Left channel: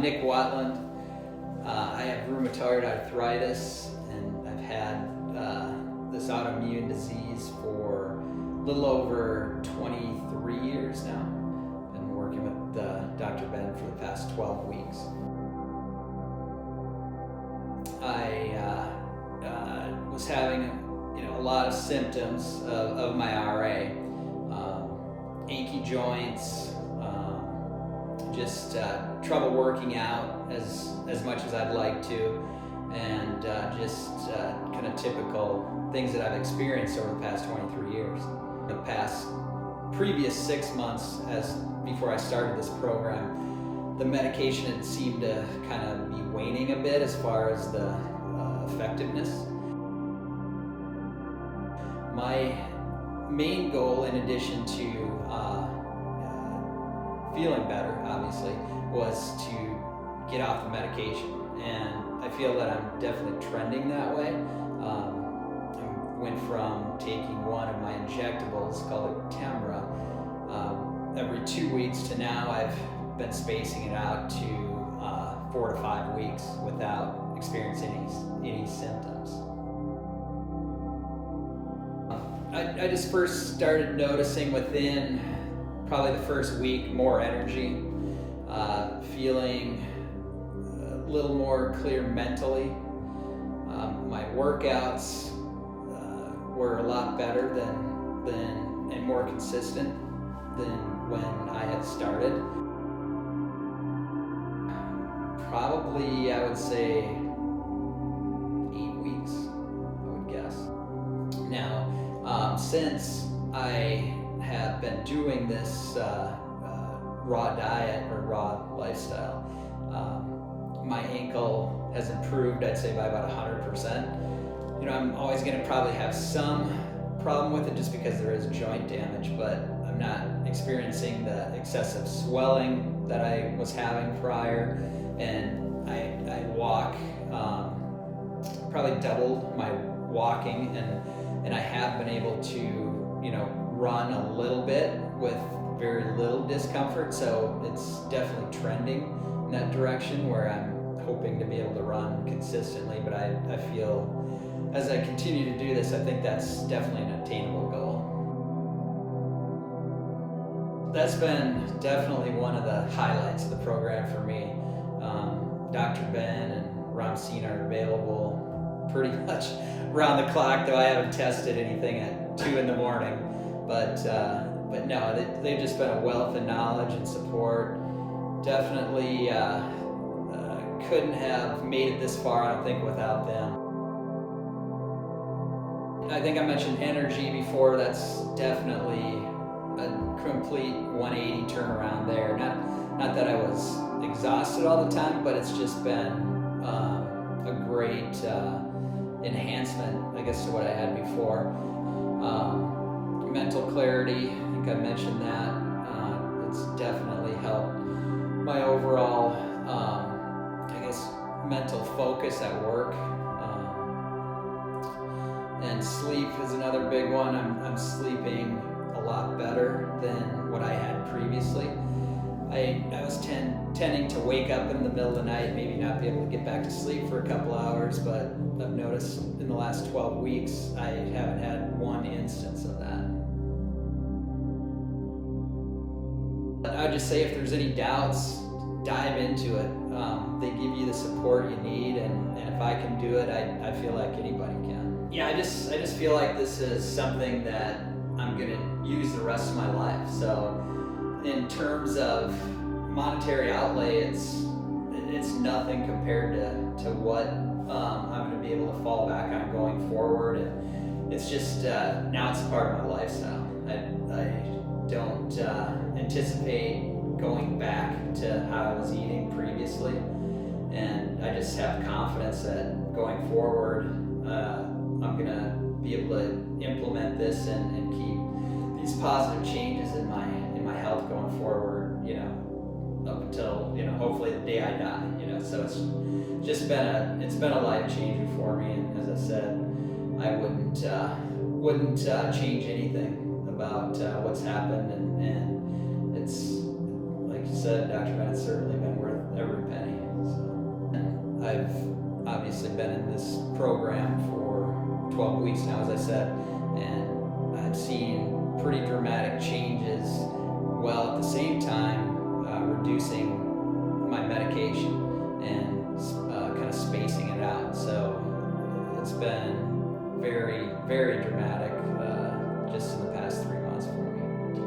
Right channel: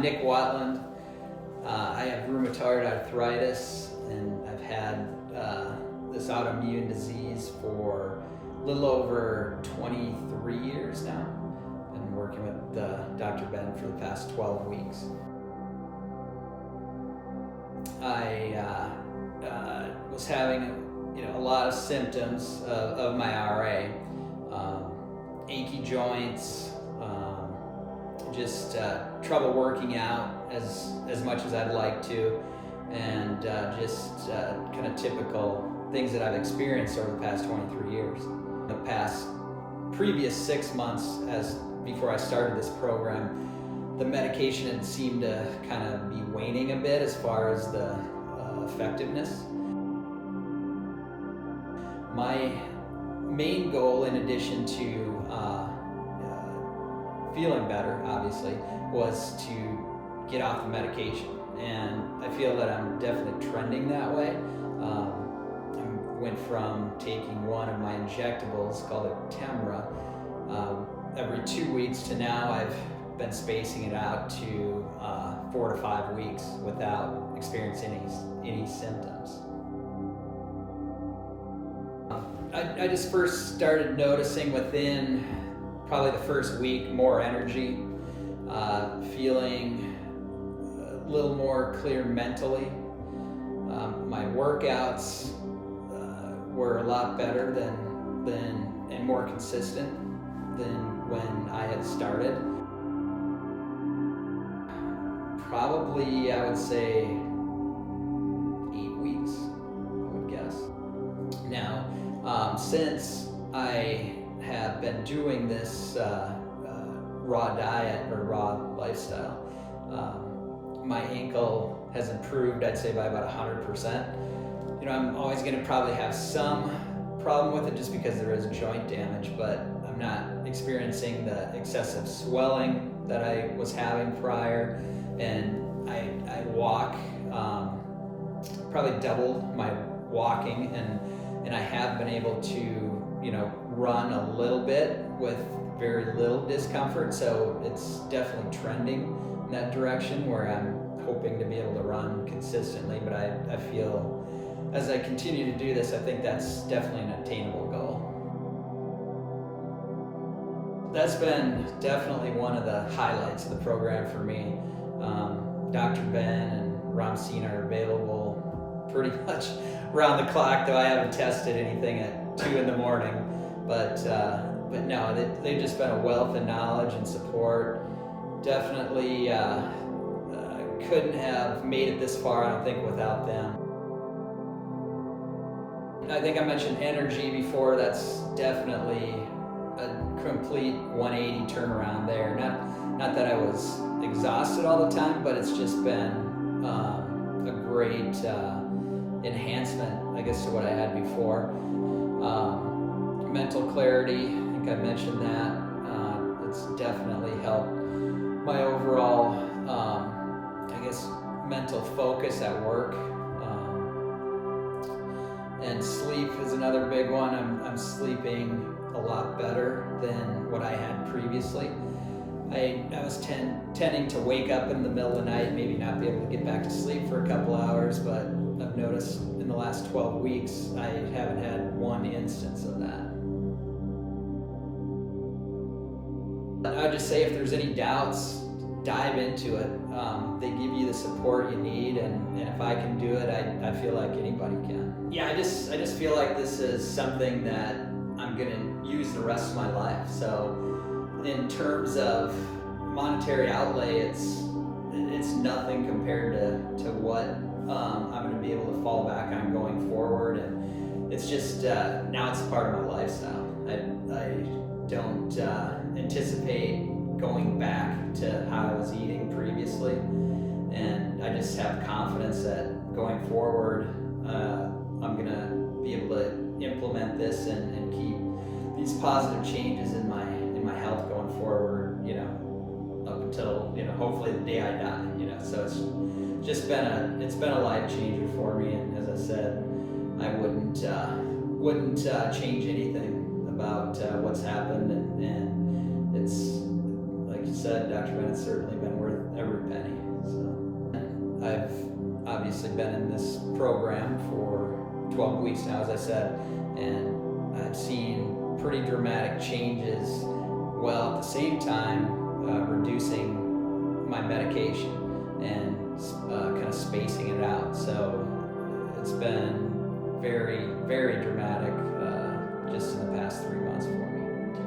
Nick Watland. I have rheumatoid arthritis, and I've had this autoimmune disease for a little over 23 years now. Been working with Dr. Ben for the past 12 weeks. I was having a lot of symptoms of my RA, achy joints, just trouble working out as much as I'd like to, and just kind of typical things that I've experienced over the past 23 years. The previous 6 months, before I started this program, the medication had seemed to kind of be waning a bit as far as the effectiveness. My main goal, in addition to feeling better, obviously, was to get off the medication, and I feel that I'm definitely trending that way. I went from taking one of my injectables, called it Temra, every 2 weeks, to now I've been spacing it out to 4 to 5 weeks without experiencing any symptoms. I just first started noticing within probably the first week more energy, feeling a little more clear mentally. My workouts were a lot better and more consistent than when I had started. Probably, I would say 8 weeks, I would guess. Now, since I have been doing this raw diet or raw lifestyle, my ankle has improved, I'd say, by about 100%. I'm always going to probably have some problem with it just because there is joint damage, but I'm not experiencing the excessive swelling that I was having prior, and I walk, probably doubled my walking, and I have been able to run a little bit with very little discomfort, so it's definitely trending in that direction where I'm hoping to be able to run consistently. But I feel as I continue to do this, I think that's definitely an attainable goal. That's been definitely one of the highlights of the program for me. Dr. Ben and Ramseen are available pretty much around the clock, though I haven't tested anything at 2 in the morning. But no, they've just been a wealth of knowledge and support. Definitely couldn't have made it this far, I don't think, without them. I think I mentioned energy before. That's definitely a complete 180 turnaround there. Not that I was exhausted all the time, but it's just been a great enhancement, I guess, to what I had before. Mental clarity, I think I mentioned that. It's definitely helped my overall, I guess, mental focus at work. And sleep is another big one. I'm sleeping a lot better than what I had previously. I was tending to wake up in the middle of the night, maybe not be able to get back to sleep for a couple hours, but I've noticed in the last 12 weeks, I haven't had one instance of that. I'd just say if there's any doubts, dive into it. They give you the support you need, and if I can do it, I feel like anybody can. Yeah, I just feel like this is something that I'm gonna use the rest of my life. So in terms of monetary outlay, it's nothing compared to what I'm going to be able to fall back on going forward, and it's just now it's part of my lifestyle. I don't anticipate going back to how I was eating previously, and I just have confidence that going forward I'm going to be able to implement this and keep these positive changes in my health going forward, up until, hopefully the day I die, so it's just been a life changer for me. And as I said, I wouldn't change anything about what's happened, and it's, like you said, Dr. Ben, it's certainly been worth every penny. So, and I've obviously been in this program for 12 weeks now, as I said, and I've seen pretty dramatic changes, while at the same time reducing my medication and kind of spacing it out. So it's been very, very dramatic just in the past 3 months for me.